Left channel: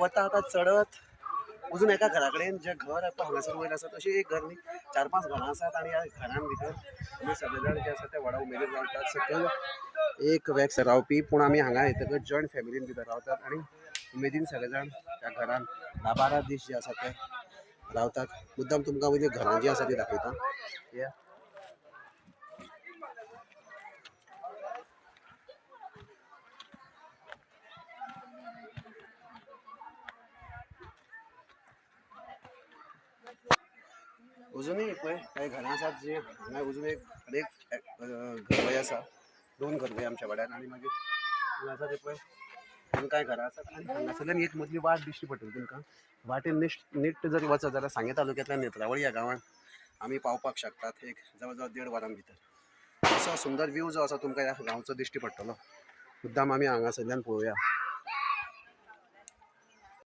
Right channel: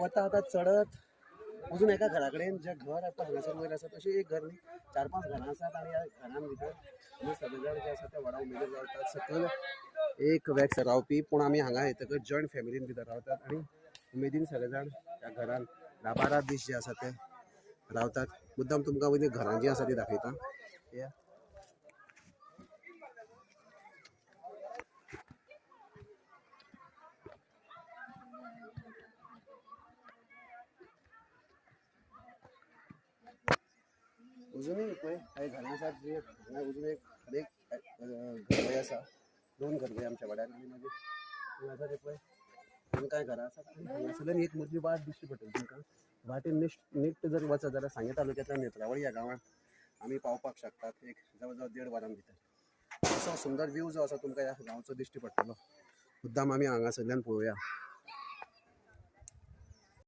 वता आता चढत अजून एका घरा कडेन जे घर हांगासर वयर आसा तशी एक घर न्ही 4-5 घरां आसात आनी ह्या घरान भितर आमी सगळे जाण जे आसा ते व्हडा उमेदीन रावतात सकयल एक वेग रावपी पूण आमी हांगा येतकच जॉयंट फॅमिलीन भितर रावतात आनी उमेदीन सगळे जाण त्या घरान 10-12 दीस जे आसा ते रावतात. मुद्दाम तुमकां वयली घरां जी आसा ती दाखयता. अजूनही पळय काही घरां आसात जी हांगा अजून एक घरवय आसा 2 घरवय आमच्या वाड्यान आनी मागीर हांगा आसा ते पळय कांय घरां आसात आनी हांगासरल्यान एक मदली वाट दिश्टी पडटली तुमकां. वाटेन नीट जर वचत जाल्यार सांगे तालुक्यांतल्या नेत्रावळी ह्या गांवांत आमी पावपाक शकतात एक जवळ जवळ 1.5 वरां भितर. असो सुंदर व्यू जो आसा तुमकां ह्या गांवचो दिश्टी पडटलो. मुद्दाम आमी हांगासरल्यान पळोवया.